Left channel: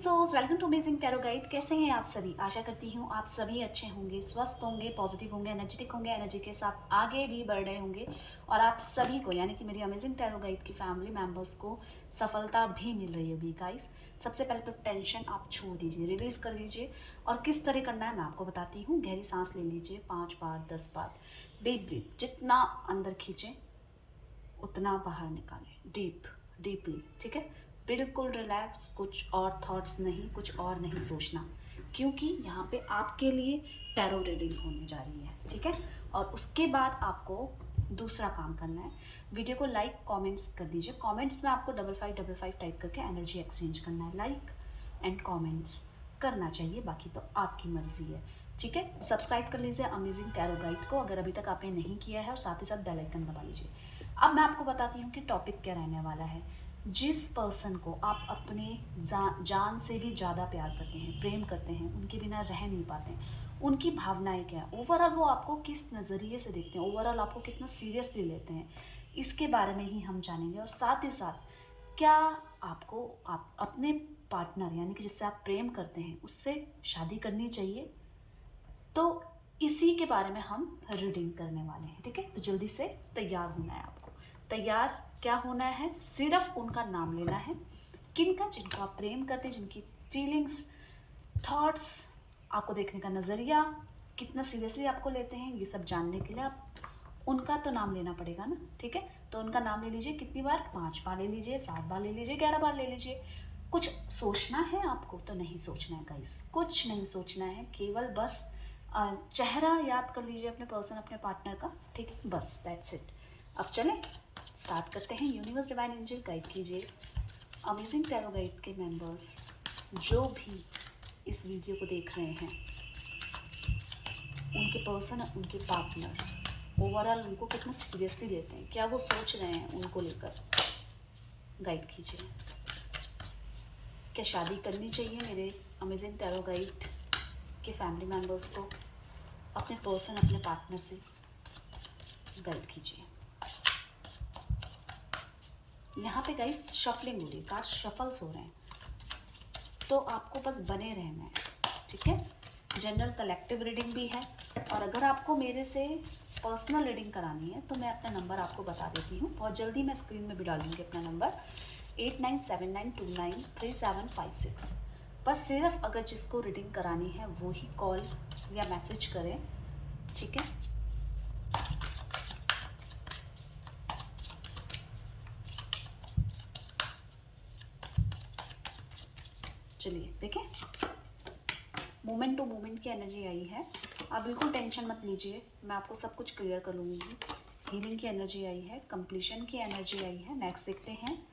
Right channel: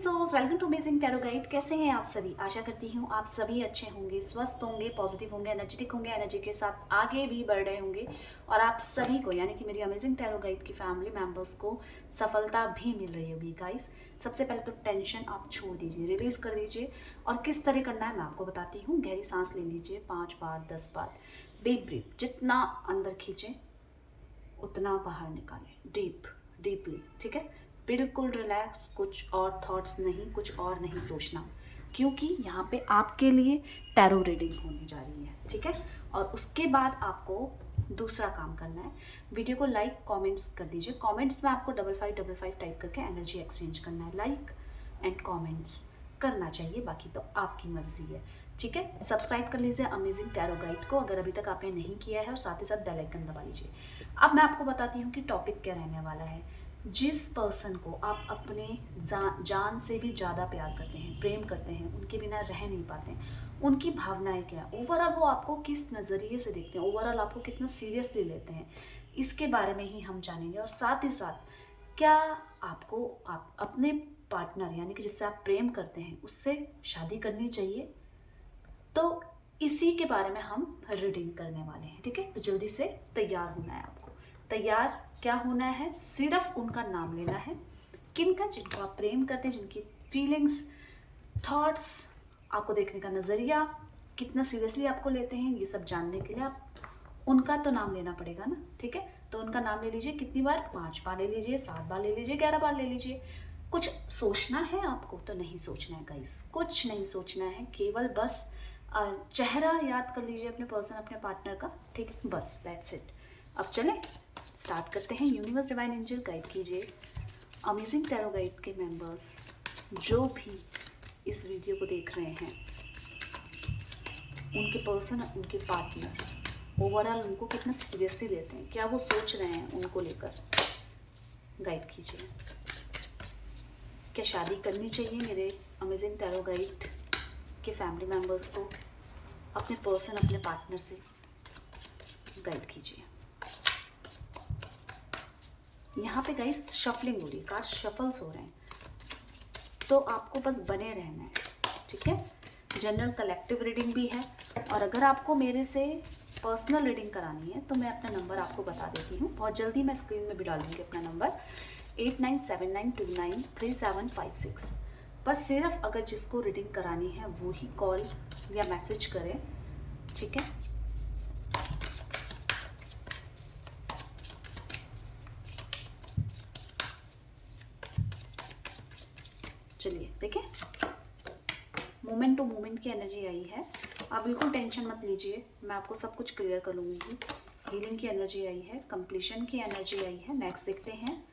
Souls, welcome to amazing tarot guide. कैसे हैं आप सभी? आशा करती हूँ आप सभी अच्छे होंगे, स्वस्थ होंगे, पॉजिटिव होंगे, एनर्जेटिक होंगे, एनर्जी के साथ आगे भी बढ़ रहे होंगे और आप सभी को यानी कि मेरी अमेजिंग टैरो गाइड की फैमिली मेंबर्स को सफलता भी मिल रही होगी। गाइस, सबसे पहले तो टेंशन आप छोड़ दीजिए, रिलीज कर दीजिए। और किस तरह करना है मैं आपको बताती हूँ। गहरी सांस ले लीजिए 5 बार 10 बार। डीप ब्रीथ, जितना अंदर खींचें उतना बाहर निकालें, डीपली। ठीक है, बिल्कुल रिलैक्स, कुछ और थॉट्स नहीं, कुछ और नहीं सोचना, क्योंकि यहाँ पे आपके लिए टैरो रीडिंग होने जा रही है। ठीक है, और उसके बाद आपको दूसरा काम करना है। वीडियो को लाइक कमेंट्स कर दीजिए। कमेंट्स में आपको 5555 टाइप करके एनर्जी एक्सचेंज करना है। लाइक एंड कमेंट्स करना चाहिए, बाकी तो आपकी मर्जी है। ठीक है, सब्सक्राइब कर लीजिए अमेजिंग टैरो गाइड को अगर अभी तक आपने नहीं किया है, और साथ ही साथ बेल आइकन दबा लीजिए। अब मैं आपको बताती हूँ कि टॉपिक क्या रहने वाला है। जिस पर्सन को आप अपने जान से भी ज़्यादा प्यार करते हैं, प्रेम करते हैं, उनके बिना रह नहीं पाते हैं, उनकी भावनाएं क्या है, ओवरऑल वो आपको किस नज़रिए से देखते हैं, ओवरऑल आपको कितना सीरियसली लेते हैं, इसके बारे में ही हम जानेंगे। और साथ ही साथ क्या आपको आप अपने पार्टनर यानी कि जिससे आप प्रेम करते हैं उससे शादी करनी चाहिए, तो इसी के बारे में हम रीडिंग करने वाले हैं। ठीक है, तो जल्दी से तैयार होना है आपको। तैयार क्या होना है? सिर्फ उनका नाम लेना है। किनका? जिनको आप प्रेम करते हैं, जिनकी फीलिंग्स, थॉट्स, आपको देखने का नज़रिया, कितना सीरियसली आपको लेते हैं, ये सब जानने के लिए आप उनका तो नाम लेना पड़ेगा ना। ठीक है, तो उनका नाम ले लीजिए। कितनी बार? 5 बार ले लीजिए, 7 बार ले लीजिए, 11 बार ले लीजिए। कुछ सोचना है आपको? तो नहीं सोचना है गाइस, कुछ नहीं सोचना है, केवल बस चेहरा याद कर लीजिए अपने पर्सन, अपने पार्टनर का। ठीक है, बस दैट्स इट। अब चलें, स्टार्ट करते हैं। यूनिवर्स डिवाइन एंजल गाइड कीजिए अमेजिंग टैरो गाइड के मेंबर्स जो भी इस वीडियो को देख रहे हैं, उनके पर्सन, उनके पार्टनर ओवरऑल उनको कितना सीरियसली लेते हैं, क्या वो सोच रहे हैं उनको लेकर, गाइड कीजिए। क्या शादी करनी चाहिए मेरे अमेजिंग टैरो गाइड के फैमिली मेंबर्स को? अपने पर्सन, अपने पार्टनर से गाइड कीजिए। यहाँ पे गाइस शफलिंग हो रही है, कार्ड शफल्स हो रहे हैं, तो आपको बस बने रहना है। ठीक है, जनरल कलेक्टिव रीडिंग भी है, और अगर आपको मेरे से पर्सनल रीडिंग करानी है तो मैं अपना नंबर आपको बता देती हूँ। बहुत जल्दी मैं स्क्रीन में भी डालूंगी अपना नंबर 8979293756। बस सिर्फ अगर जिसको रीडिंग करानी है वो ही कॉल या मैसेज करें। ठीक है, चलिए देखें। मोमेंट टू मोमेंट की एनर्जी आई है। आप बिल्कुल टेंशन मत लीजिए, मैं आपको सब कुछ क्लियर कर लूँगी। हीलिंग की एनर्जी आई है, कंप्लीशन की एनर्जी आई है। नेक्स्ट देखते हैं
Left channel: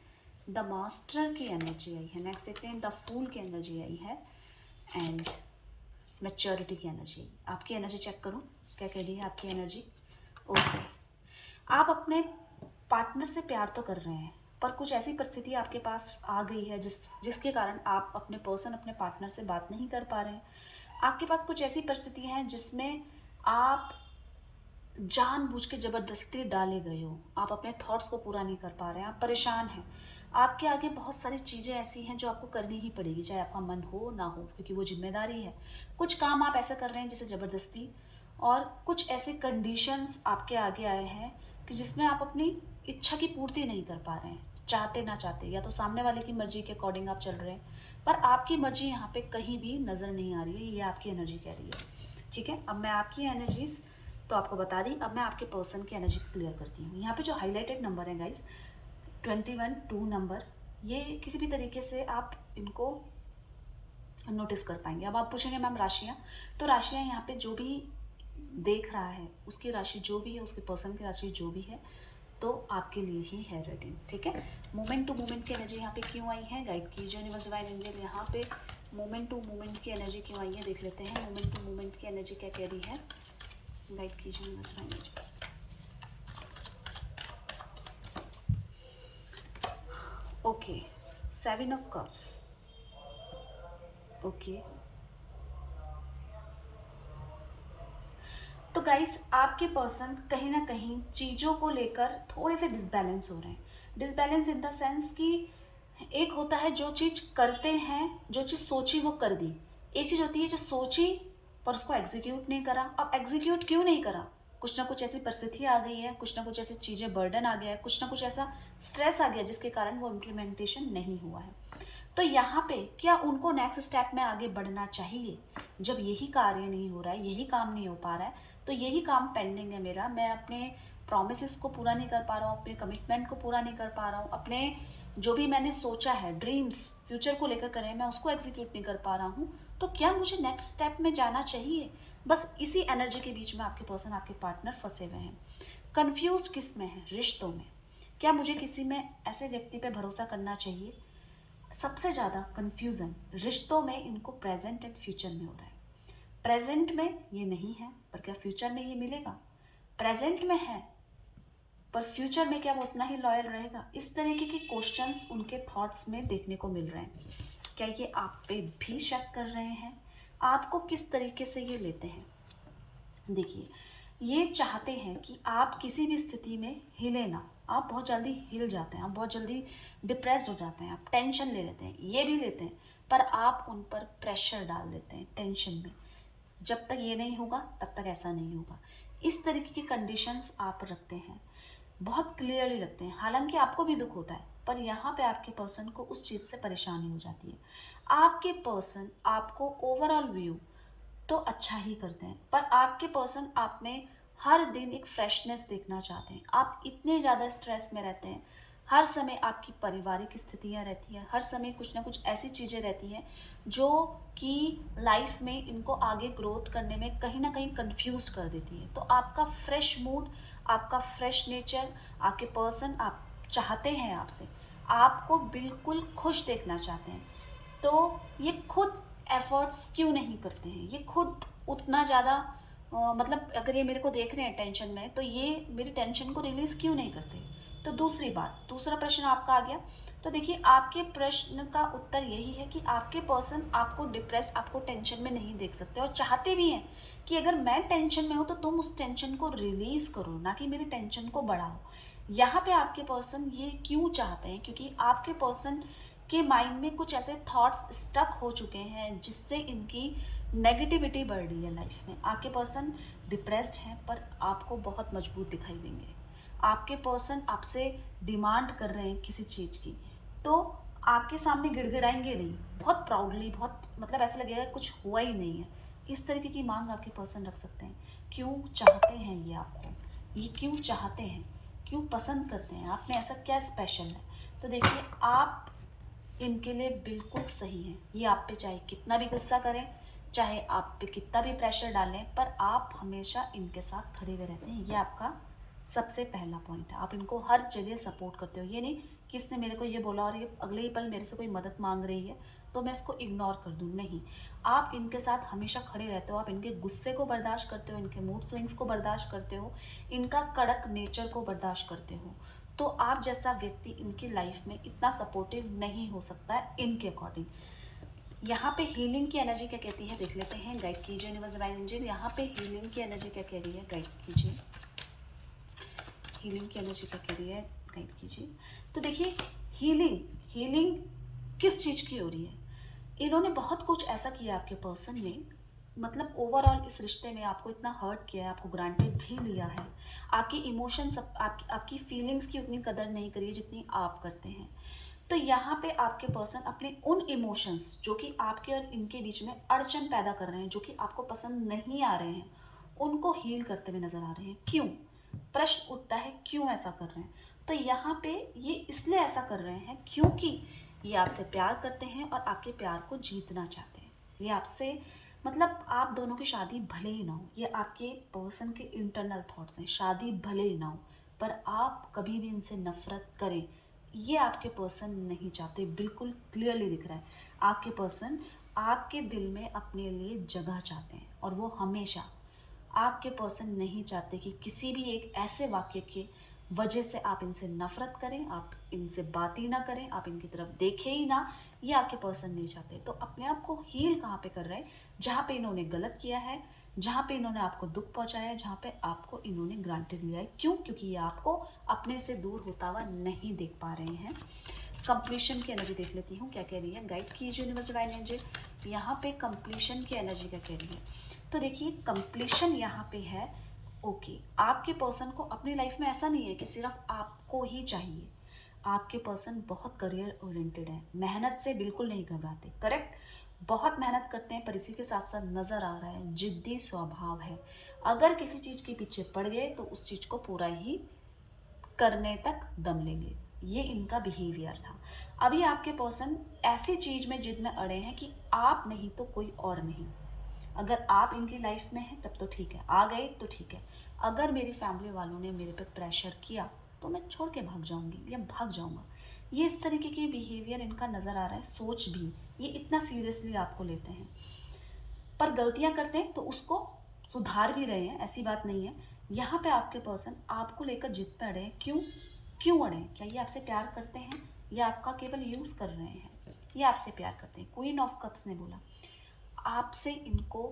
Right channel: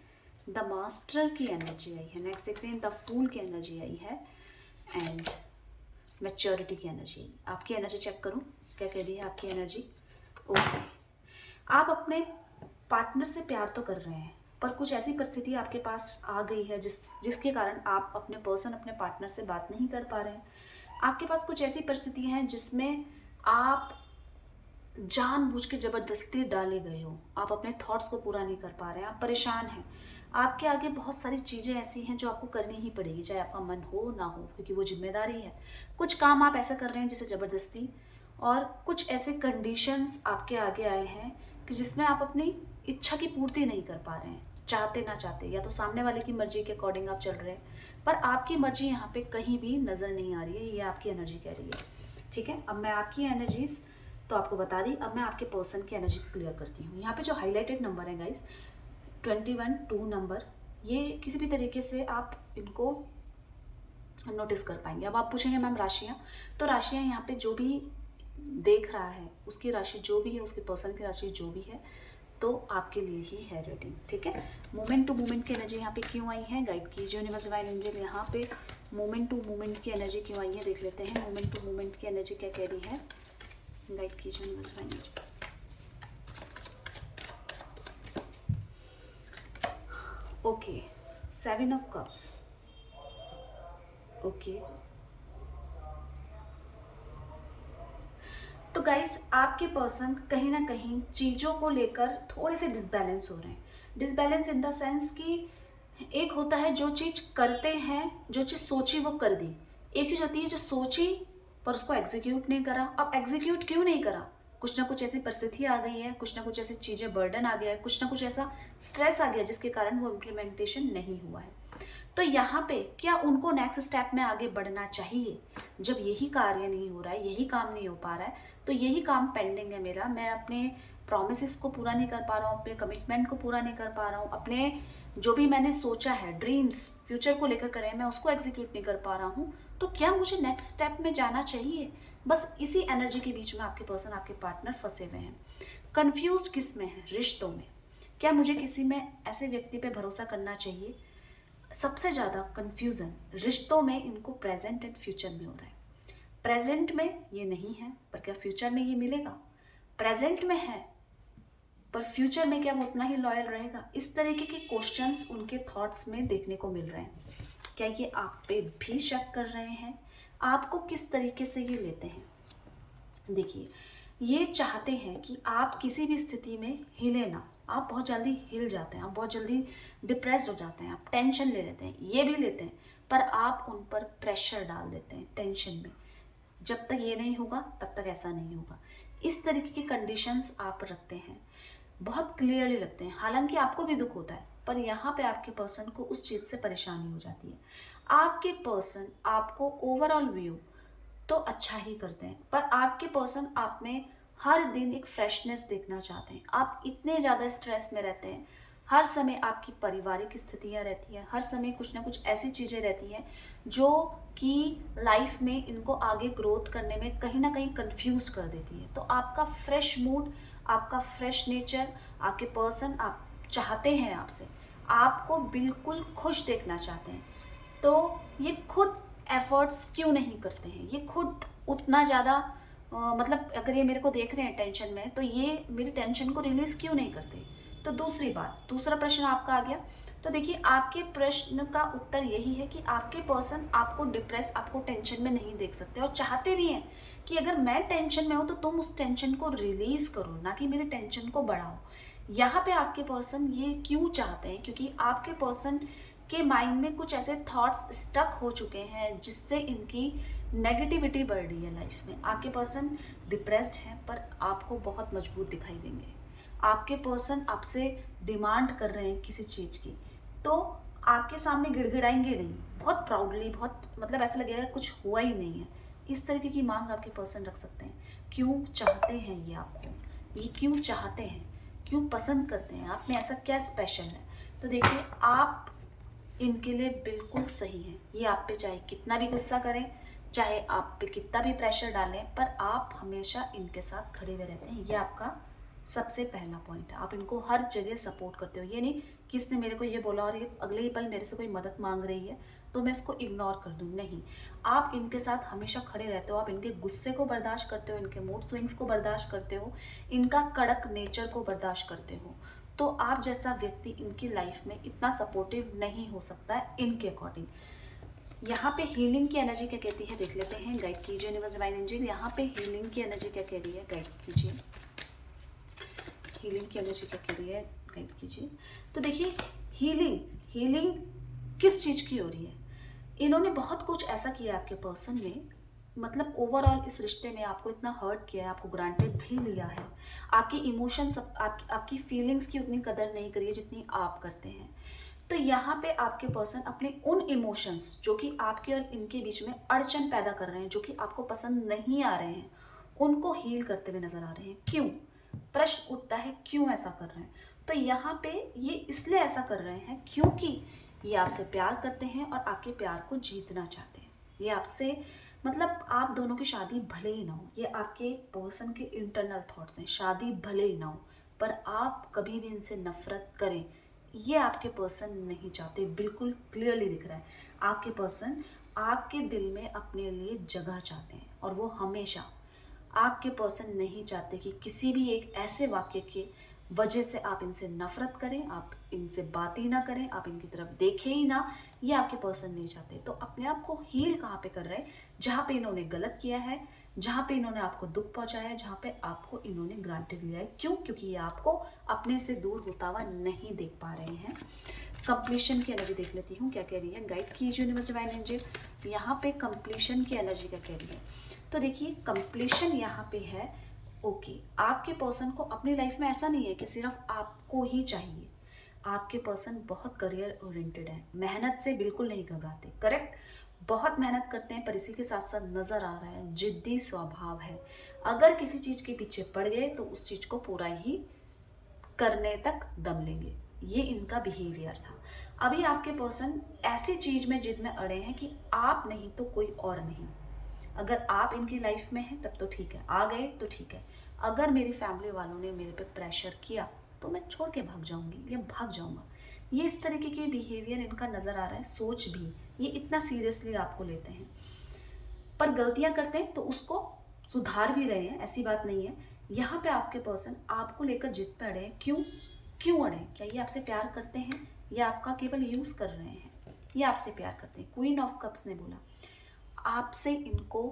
द मास्टर की एनर्जी आई है। नेक्स्ट देखते हैं द फूल की एनर्जी आई है, एंड मैच्योरिटी की एनर्जी आई। आपकी एनर्जी चेक करूं, क्या कह रही है आपकी एनर्जी? ओके, आप अपने पार्टनर से प्यार तो कर रहे हैं, पर कुछ ऐसी परिस्थिति आपके पास आ गई है जिसके कारण आप अपने पर्सन, अपने पार्टनर से बात नहीं कर पा रहे हैं। आपके पास कुछ ऐसी परिस्थितियां हैं जिसमें आप जानबूझ के ज़बरदस्ती डाले गए हो, आप अपने थॉट्स को पूरा नहीं कर पा रहे हैं, आप परेशान हैं। आपके आगे बहुत सारी चीज़ें ऐसी हैं जो आपको करनी ही पड़ेगी, चाहे आपका मन हो ना हो, क्योंकि वो जिम्मेदारी है। कुछ काम आप ऐसा कर रहे हैं जिसे ज़बरदस्ती, और कुछ ऐसे कंडीशंस आपके आगे आए हैं कि जिसमें आप अपनी इच्छा की पूर्ति नहीं कर पा रहे हैं, चाहते ना चाहते। या तो सामने वाले की मर्जी के अकॉर्डिंग आप चल रहे हैं, पर आपकी मर्जी यहाँ पे कहीं भी नज़र नहीं आ रही है, ये आपकी एनर्जी कह रही है। ठीक है, अब मैं आपकी एनर्जीज तो आपको बता दी, अब मैं आपके पर्सन की एनर्जी क्लियर करती हूँ। यहाँ पे जो हाईलाइटेड नंबर है गाइस 21 नंबर, ये किसी भी तरीके से आप इनको नोटिस कर पाएंगे। अब आप पूछेंगे मैम राशियाँ, तो राशियाँ यहाँ पे जो भी देख रहा है उसकी राशि जो भी है, उसके पर्सन की राशि जो भी है, तो आपके लिए ही है रीडिंग। ठीक है, मोमेंट टू मोमेंट की एनर्जी यहाँ पे क्यों आई है, गाइड कीजिए यूनिवर्स डिवाइन एंजल। यहाँ पे मोमेंट टू मोमेंट की एनर्जी क्यों आई है, देख लेते हैं। मोमेंट टू मोमेंट की एनर्जी क्या कह रही है, गाइड कीजिए universe divine angel. Okay, 7 of cups. Okay, तो गाइस आपके पर्सन कहीं ना कहीं चीज़ों को लेकर थोड़े से डिसबैलेंस हो रहे हैं। डिसबैलेंस इन द सेंस कि एक होता है जो चीज़ करते हैं, जो चीज़ सोची वो कर दी। एक चीज़ होती है जो सोची पर उसको एग्जीक्यूट नहीं करा। अब एग्जीक्यूट क्यों नहीं करा? कुछ ना कुछ ऐसी परिस्थिति आ गई है, कुछ ना कुछ ऐसी चीज़ें, बर्डन आ गया है, कुछ ना कुछ ऐसा स्ट्रेस आ गया जिसके कारण वो इम्प्लीमेंटेशन नहीं हुआ है। तो यहाँ पे क्या उनको नेक्स्ट स्टेप में आगे बढ़ना चाहिए? जब यही कार्य नहीं हो रहा है, यही काम नहीं हो पा रहा है, तो यही काम पेंडिंग है मेरा, मैं अपने प्रॉमिसेस को पूरा नहीं कर पा रहा हूँ, अपने कमिटमेंट को पूरा नहीं कर पा रहा हूँ, अपने जो भी मैंने सोचा है, ड्रीम्स फ्यूचर को लेकर करें, मैं उसको एग्जीक्यूट नहीं कर पा रहा हूँ, तो क्या मुझे नेक्स्ट स्टेप में जाना चाहिए? बस इसी एनर्जी के बीच में आपके पर्सन, आपके पार्टनर फंसे हुए हैं। कंफ्यूज किस में है? रिश्तों में। क्या मुझे किसी में ऐसे व्यक्ति पे भरोसा करना चाहिए? सबसे ज़्यादा कंफ्यूजन रिश्तों में इनको प्रेजेंट एंड फ्यूचर में हो रहा है। प्रेजेंट में ये नहीं है, पर क्या फ्यूचर में ये मिलेगा? प्रेजेंट में है, पर फ्यूचर में क्या वो उतना ही लॉयल रहेगा? इस तरीके के क्वेश्चंस उनके थॉट्स में देखने को मिल रहे हैं। क्या ये आप पे भी शक कर रहे हैं? आपको किस तरीके से ये लेते हैं? देखिए, ये चाहते हैं कि आप किसी भी स्थिति में हिले ना। आप बहुत जल्दी हिल जाते हैं, आप बहुत जल्दी डिप्रेस्ड हो जाते हैं, आप टेंशन ले लेते हैं, ये भी लेते हैं, पर आप उन पर प्रेशर डाल देते हैं टेंशन में। जब तक ये नहीं होगा तब तक ऐसा नहीं होगा। इस तरीके की कंडीशंस आप रखते हैं, बहुत क्लियरली रखते हैं। हालांकि आपको भी दुख होता है, पर यहाँ पे आपके पर्सन को उस चीज़ से परेशानी हो जाती है। आपके पर्सन आपको ओवरऑल व्यू तो अच्छा ही करते हैं, पर आपके पर्सन आप में हर दिन एक फ्रेशनेस देखना चाहते हैं। आप इतने ज़्यादा स्ट्रेस में रहते हैं, हर समय आपकी पारिवारिक स्थितियाँ रहती हैं, हर समय कुछ ना कुछ ऐसी चीज़ें रहती हैं जो कि लाइफ में इनको आगे ग्रोथ करने में कहीं ना कहीं कंफ्यूज कर देती है। तो आपका फ्रेश मूड, आपका फ्रेश नेचर, आपके पर्सन आप चाहते हैं, आपसे आपको बिल्कुल खुश देखना चाहते हैं। तो ये खुद एफर्ट्स क्यों नहीं करते हैं? ये खुद उतना ज़्यादा मतलब अगर ये मेरे को देख रहे हैं टेंशन में, तो ये मेरी टेंशन को रिलीज़ क्यों नहीं करते? तो दूसरी बात, दूसरा प्रश्न आपका आ गया। तो देखिए, आपके प्रश्न का उत्तर यही है कि आपके पर्सन आपको डिप्रेस, आपको टेंशन में नहीं देख सकते, और चाहते भी हैं कि अगर मैं टेंशन में हूँ तो तुम उस टेंशन को रिलीज़ करो, ना कि मेरी टेंशन को बढ़ाओ। यहाँ पे आपके पर्सन ये क्यों चाहते हैं? क्योंकि आपके पर्सन के माइंड में कुछ ऐसे थॉट्स स्टक हो चुके हैं जिससे इनकी नेगेटिविटी बढ़ रही है लाइफ में। आपके पर्सन डिप्रेस्ड हैं, पर आपको बहुत मजबूत दिखाई देंगे। आपके पर्सन आपसे डिमांड कर रहे हैं किसी चीज़ की, तो आपके सामने गिड़गिड़ाएंगे नहीं, बहुत प्राउडली, बहुत मतलब ऐसा लगेगा कुछ हुआ ही नहीं है। इस तरीके की मांग आपके पर्सन रख सकते हैं। क्यों चाहते हैं ये आपको? ये क्यों चाहते हैं? क्यों पसंद करते हैं? आप में ऐसा क्या स्पेशल है? तो देखिए, आप इनके लिए बिल्कुल सही हैं। ये आप पे चाहे कितना भी गुस्सा करें, चाहे आप पे कितना भी प्रेशर डालें, पर आप हमेशा इनके साथ खड़े हुए रहते हैं। ये आपका सबसे पहला पॉइंट है। आप इनको हर जगह सपोर्ट करते हो। ये नहीं कि इसने मेरे को ये बोला और ये अगले ही पल मेरे से कोई मदद मांग रही है तो मैं इसको इग्नोर कर दूँ, नहीं। आप इनके साथ हमेशा खड़े रहते हो। आप इनके गुस्से को बर्दाश्त करते हो, इनके मूड स्विंग्स को बर्दाश्त करते हो, इनका कड़क नेचर को बर्दाश्त करते हो। तो आप जैसा व्यक्ति इनकी लाइफ में इतना सपोर्टिव नहीं हो सकता है इनके अकॉर्डिंग। यहाँ पे हीलिंग की एनर्जी क्या कहती है देख लेते हैं। गाइड कीजिए यूनिवर्स डिवाइन एंजल, यहाँ पे हीलिंग की एनर्जी क्या कह रही है, गाइड कीजिए। हीलिंग की एनर्जी क्या कह रही है, गाइड कीजिए। तो देखिए, हीलिंग हीलिंग किस चीज़ की हो रही है? इन्होंने बहुत कुछ ऐसा किया आपके पर्सन ने, मतलब ओवरऑल इस रिश्ते में आपको इतना हर्ट किया है, आपको ग्रांटेड भी लिया है, आपकी इमोशंस, आपकी फीलिंग्स की उतनी कदर नहीं करी है जितनी आप करते हैं। तो यहाँ पे आपके पर्सन अपने उन इमोशंस जो कि आपके और इनके बीच में अड़चन पैदा कर रहे हैं, जो कि आपको पसंद नहीं आ रहे हैं, उनको हील करते हुए नजर आ रहे हैं। क्यों? प्रश्न उठता है, क्यों ऐसा कर रहे हैं? तो यहाँ पे ये इसलिए ऐसा कर रहे हैं क्योंकि ये आपसे प्यार करते हैं और आपके प्यार को जीतना चाहते हैं। ये आपसे मतलब आप दोनों की शादी भले ही ना हो, ये आपके पर्सन के इंटरनल थॉट्स हैं। शादी भले ही ना हो, पर आप कभी भी इनसे नफरत करें, ये आपके पर्सन नहीं चाहते। बिल्कुल क्लियरली दिख रहा है। आपके पर्सन आपके दिल में अपने लिए जगह चाहते हैं, और वो हमेशा आपके पर्सन नहीं चाहते कि किसी भी एक ऐसे वाक्य के वजह से आप इनसे नफरत करें, आप इनसे बात ही ना करें, आप इनकी तरफ देखें ही ना। ये आपके पर्सन नहीं चाहते। तो अपने आप को हील कहाँ पे कर रहे हैं? जहाँ पे इन्होंने गलत किया है, जहाँ पे इन्होंने आपको दुख पहुंचाया है, जहाँ पे आपको इन्होंने ग्रांटेड लिया है। क्यों? क्योंकि ये आपको अपने से दूर होता हुआ नहीं देख पा रहे हैं। कंप्लीशन की एनर्जी देख लेती हूँ क्या कह रही है, गाइड कीजिए यूनिवर्स डिवाइन एंजल। यहाँ पे कंप्लीशन की एनर्जी क्या कह रही है, तो देखिए कंप्लीशन यहाँ पे है। ओके, आपके पर्सन को अपनी लाइफ में ऐसा नहीं है कि सिर्फ आपको ही चाहिए। आपके पर्सन बहुत करियर ओरिएंटेड है, मेहनत से बिल्कुल नहीं घबराते, करेक्ट, बहुत मेहनत करते हैं, पर इसी के साथ साथ नज़र आ रहा है जिद्दी स्वभाव है। अगर किसी चीज़ के पीछे पड़ गए तो उस चीज़ को पूरा ही करने तक दम लेंगे, ये इनका बिहेवियर था। अभी आपके पर्सन ऐसी चीज़ में जिद में अड़े हैं कि आप नहीं तो कोई और नहीं। अगर आप इनकी लाइफ में हैं तब तो ठीक है, आ गए तो ठीक है, अगर मेरी फैमिली वालों ने मेरे पे प्रेशर किया तो मैं छोड़ के भाग जाऊंगी या भाग जाऊंगा। ये इस तरीके के बिहेवियर इनका नज़र आ रहा है, सोच भी ये इतना सीरियसली आपको लेते हैं, पर गलतियां करते हैं तो उसको सुधार भी रहे हैं, ऐसी बात नहीं है। यहाँ पे आपके पर्सन आपको लेकर जिद पे अड़े हैं, क्यों क्यों अड़े हैं? क्या ये आपसे प्यार करते हैं या आपका केवल यूज़ कर रहे हैं? ये आपसे प्यार करते हैं। क्वीन ऑफ कप्स ने बोला आपसे इनको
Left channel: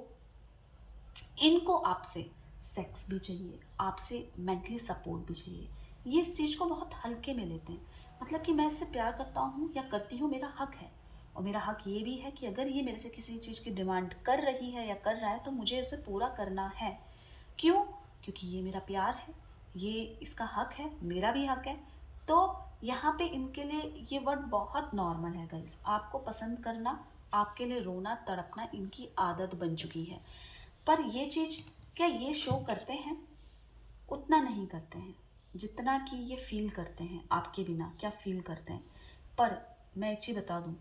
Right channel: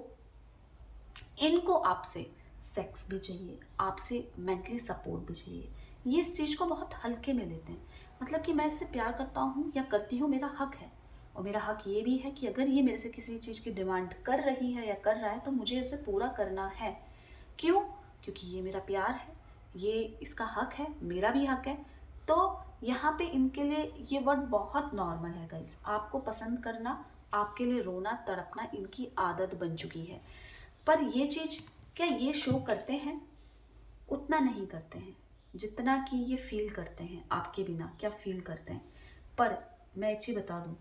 इनको आपसे सेक्स भी चाहिए, आपसे मेंटली सपोर्ट भी चाहिए। ये इस चीज़ को बहुत हल्के में लेते हैं, मतलब कि मैं इससे प्यार करता हूँ या करती हूँ, मेरा हक है। और मेरा हक ये भी है कि अगर ये मेरे से किसी चीज़ की डिमांड कर रही है या कर रहा है तो मुझे उसे पूरा करना है। क्यों? क्योंकि ये मेरा प्यार है, ये इसका हक है, मेरा भी हक है। तो यहाँ पे इनके लिए ये वर्ड बहुत नॉर्मल है गाइस। आपको पसंद करना, आपके लिए रोना तड़पना इनकी आदत बन चुकी है। पर ये चीज़ क्या ये शो करते हैं? उतना नहीं करते हैं जितना कि ये फील करते हैं आपके बिना, क्या फील करते हैं। पर मैं एक चीज़ बता दूं,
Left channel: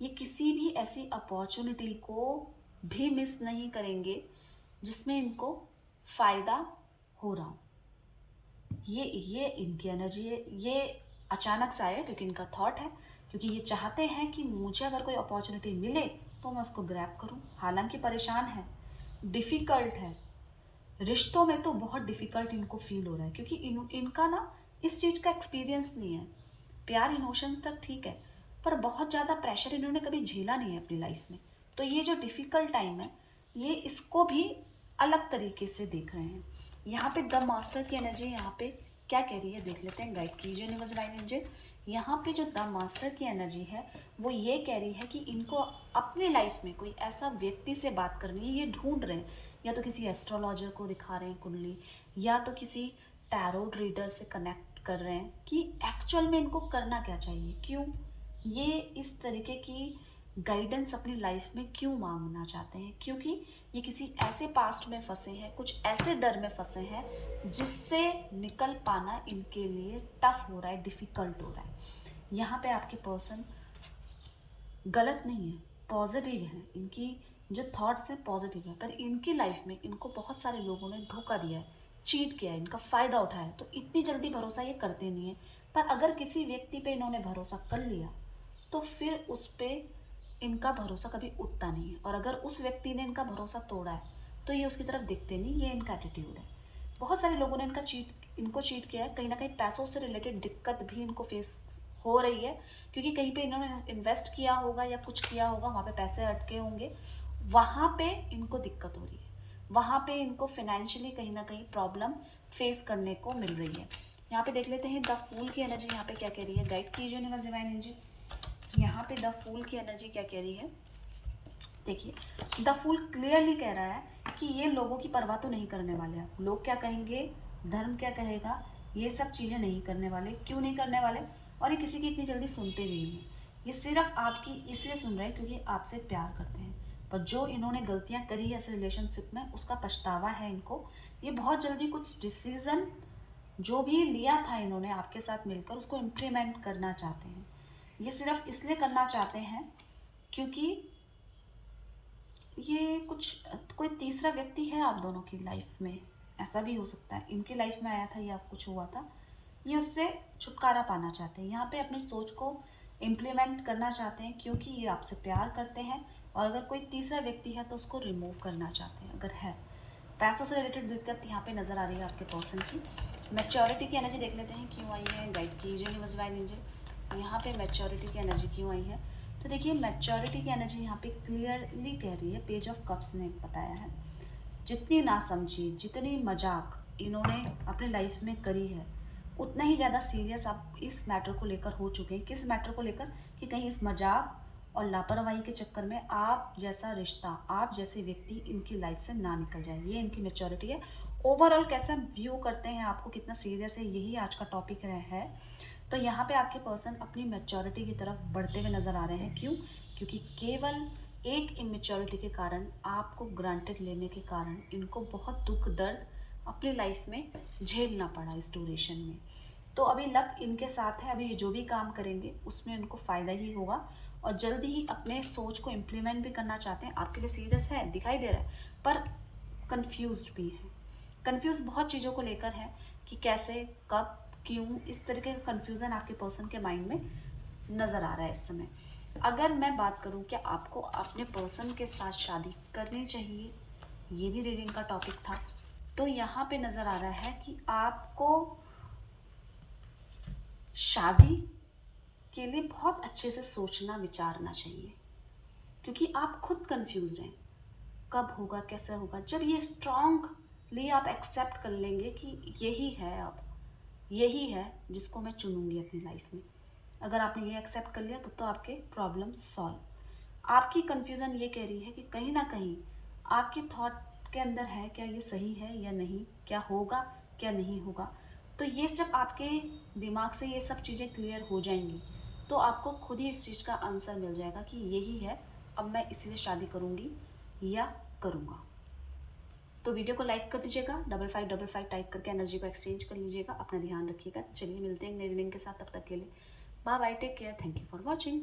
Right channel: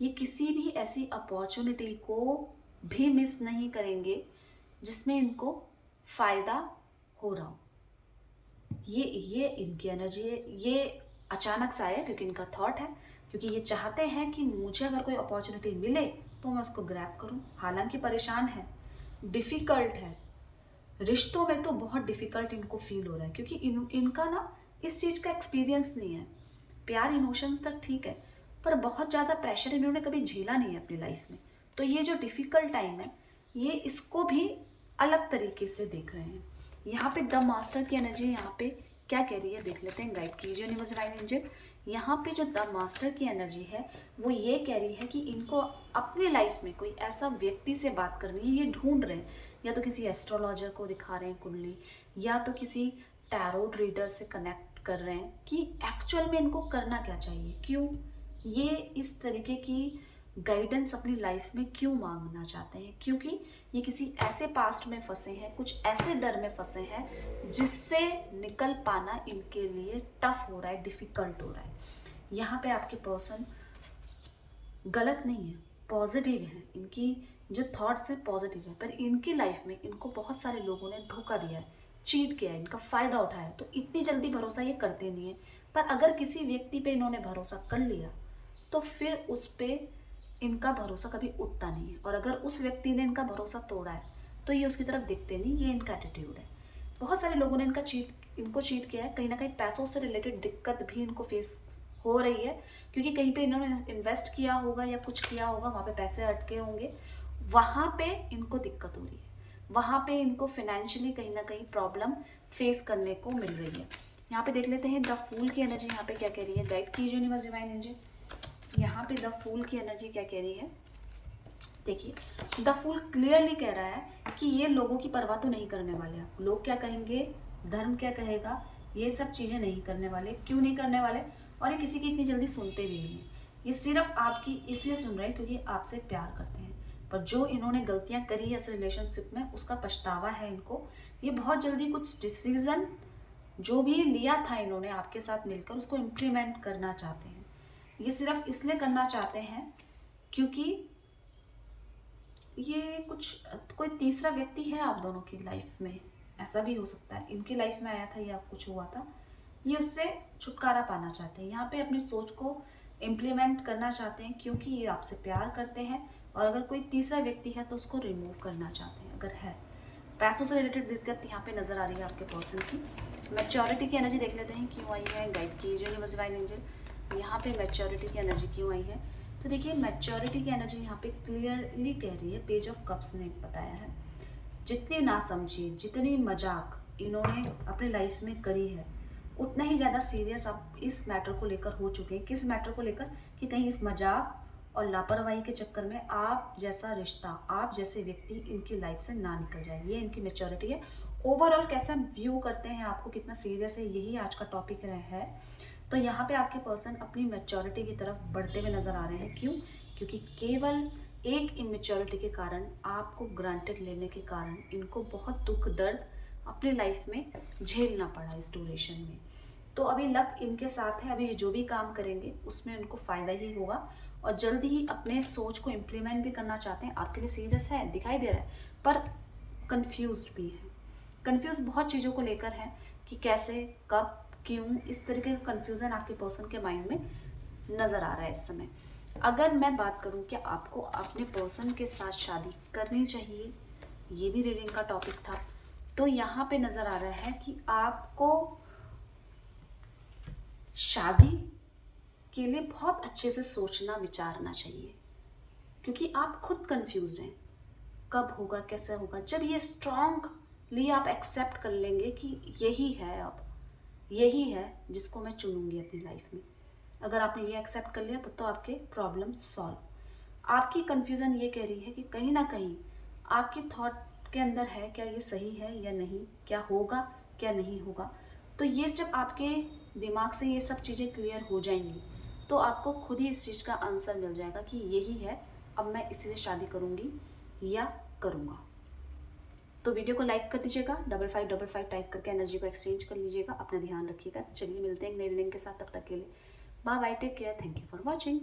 ये किसी भी ऐसी अपॉर्चुनिटी को भी मिस नहीं करेंगे जिसमें इनको फ़ायदा हो रहा हो। ये इनकी एनर्जी है, ये अचानक से आया क्योंकि इनका थॉट है, क्योंकि ये चाहते हैं कि मुझे अगर कोई अपॉर्चुनिटी मिले तो मैं उसको ग्रैब करूं। हालांकि परेशान है, डिफ़िकल्ट है, रिश्तों में तो बहुत डिफ़िकल्ट इनको फील हो रहा है, क्योंकि इनका ना इस चीज़ का एक्सपीरियंस नहीं है। प्यार इमोशंस तक ठीक है, पर बहुत ज़्यादा प्रेशर इन्होंने कभी झेला नहीं है अपनी लाइफ में। तो ये जो डिफ़िकल्ट टाइम है ये इसको भी अलग तरीके से देख रहे हैं। यहाँ पे द मास्टर की एनर्जी यहाँ पे क्या कह रही है देख लेते हैं, गाइड कीजिए यूनिवर्स डिवाइन एंजल। यहाँ पे जो द मास्टर की एनर्जी है वो ये कह रही है कि इनको अपनी लाइफ में कोई ऐसा व्यक्ति से बात करनी है, ये ढूंढ रहे हैं, या तो किसी एस्ट्रोलॉजर को दिखा रहे हैं कुंडली, या तो किसी टैरोट रीडर से कनेक्ट कर रहे हैं कि एक्चुअल में इनको करना क्या चाहिए, क्यों ये इस तरीके की गाइडेंस अपनी लाइफ में क्यों मांगना चाहते हैं। क्योंकि ये किसी ऐसे पास्ट में फंसे हैं, कुछ ऐसे डर में फंसे हैं जिससे निकल पाना इनके लिए टफ हो रहा है, डिफ़िकल्ट हो रहा है। यहाँ पे आपके पर्सन गलत नहीं है, पॉजिटिव है, इनकी जो थॉट्स हैं पॉजिटिव है, पर इनकी लाइफ में इनको बहुत सारे लोगों ने धोखा दिया है, चीट किया है, इनका फ़ायदा उठाया है, तो इतनी जल्दी भरोसा ये करते नहीं है। पर अगर किसी व्यक्ति पे इन्होंने भरोसा कर लिया तो फिर उस पर इनका भरोसा कभी उठता नहीं है, और अगर उस व्यक्ति ने इनका भरोसा तोड़ा है तो ये उसकी तरफ दिखते नहीं, ये इनका एटीट्यूड है। बहुत सारे लोगों ने इनको चीट किया है, कहीं ना कहीं पैसों से रिलेटेड दिक्कत भी इनको फेस हो रही है, क्योंकि कहीं पे इन्होंने इन्वेस्ट किया होगा या कुछ किया होगा, वहाँ पे पैसे अटके होंगे, वहाँ पे इनको दिक्कत हो रही है, वहाँ पे इनको फाइनेंशियली कहीं ना कहीं प्रॉब्लम फेस करने को मिल रही है। यहाँ पे देख लेते हैं द फूल की एनर्जी यहाँ पे क्या कह रही है, गाइड कीजिए यूनिवर्स डिवाइन एनर्जी। यहाँ पे द फूल की एनर्जी क्या कह रही है, देखिए द फूल क्लियरली कह रहा है कि ये लोगों की परवाह तो नहीं करने वाले हैं, लोग क्या कहेंगे, धर्म क्या कहेगा, ये सब चीज़ें नहीं करने वाले। क्यों नहीं करने वाले? और ये किसी की इतनी जल्दी सुनते भी नहीं हैं, ये सिर्फ आपकी इसलिए सुन रहे हैं क्योंकि आपसे प्यार करते हैं। पर जो इन्होंने गलतियां करी है इस रिलेशनशिप में उसका पछतावा है इनको। ये बहुत जल्दी कुछ डिसीज़न जो भी लिया था इन्होंने आपके साथ मिलकर उसको इम्प्लीमेंट करना चाहते हैं। ये सिर्फ इसलिए करना चाहते हैं क्योंकि ये कुछ कोई तीसरा व्यक्ति है आप दोनों की लाइफ में, ऐसा भी हो सकता है, इनकी लाइफ में आया था या कुछ हुआ था, ये उससे छुटकारा पाना चाहते हैं। यहाँ पे अपनी सोच को इम्प्लीमेंट करना चाहते हैं क्योंकि ये आपसे प्यार करते हैं, और अगर कोई तीसरा व्यक्ति है तो उसको रिमूव करना चाहते हैं अगर है। पैसों से रिलेटेड दिक्कत यहाँ पे नज़र आ रही है आपके पर्सन की। मैच्योरिटी की एनर्जी देख लेते हैं क्यों आई है, गाइड कीजिए यूनिवर्स डिवाइन एंजल। यहाँ पे मैच्योरिटी की एनर्जी क्यों आई है, तो देखिए मैच्योरिटी की एनर्जी यहाँ पे क्लियरली कह रही है, पेज ऑफ कप्स ने बताया है, जितनी नासमझी जितनी मजाक इन्होंने अपनी लाइफ में करी है उतना ही ज़्यादा सीरियस आप इस मैटर को लेकर हो चुके हैं। किस मैटर को लेकर? कि कहीं इस मजाक और लापरवाही के चक्कर में आप जैसा रिश्ता, आप जैसे व्यक्ति इनकी लाइफ से ना निकल जाए। ये इनकी मैच्योरिटी है। ओवरऑल कैसा व्यू करते हैं आपको, कितना सीरियस है, यही आज का टॉपिक है। तो यहाँ पे आपके पर्सन अपनी मैच्योरिटी की तरफ बढ़ते हुए नजर आ रहे हैं। क्यों? क्योंकि केवल एक इमेच्योरिटी के कारण, आपको ग्रांटेड लेने के कारण इनको बहुत दुख दर्द अपनी लाइफ में झेलना पड़ा इस ड्यूरेशन में। तो अभी लक इनके साथ है। अभी ये जो भी काम करेंगे उसमें उनको फ़ायदा ही होगा और जल्दी ही अपने सोच को इम्प्लीमेंट भी करना चाहते हैं। आपके लिए सीरियस है, दिखाई दे रहा है, पर कंफ्यूज्ड भी है। कंफ्यूज बहुत चीज़ों को लेकर है कि कैसे, कब, क्यों, इस तरीके का कंफ्यूजन आपके पर्सन के माइंड में नज़र आ रहा है इस समय। अगर मैं बात करूं कि आपको अपने पर्सन के साथ शादी करनी चाहिए, ये भी रीडिंग का टॉपिक था, तो यहाँ पे नज़र आ रहा है कि आपको शादी के लिए बहुत अच्छे से सोचना विचारना चाहिए, क्योंकि आप खुद कंफ्यूज हैं कब होगा, कैसे होगा। जब ये स्ट्रांगली आप एक्सेप्ट कर लेंगे कि यही है, अब यही है जिसको मैं चुनूंगी अपनी लाइफ में, अगर आपने ये एक्सेप्ट कर लिया तब तो आपके प्रॉब्लम सॉल्व। आपकी कंफ्यूजन ये कह रही है कि कहीं ना कहीं आपके थॉट के अंदर है, क्या ये सही है या नहीं, क्या होगा क्या नहीं होगा। तो ये जब आपके दिमाग से ये सब चीज़ें क्लियर हो जाएंगी तो आपको खुद ही इस चीज़ का आंसर मिल जाएगा कि यही है, अब मैं इसी से शादी करूँगी या करूँगा। तो वीडियो को लाइक कर दीजिएगा, 5555 टाइप करके एनर्जी को एक्सचेंज कर लीजिएगा। अपना ध्यान रखिएगा। चलिए मिलते हैं एक नई रीडिंग के साथ, तब तक के लिए bye bye, take care, thank you for watching.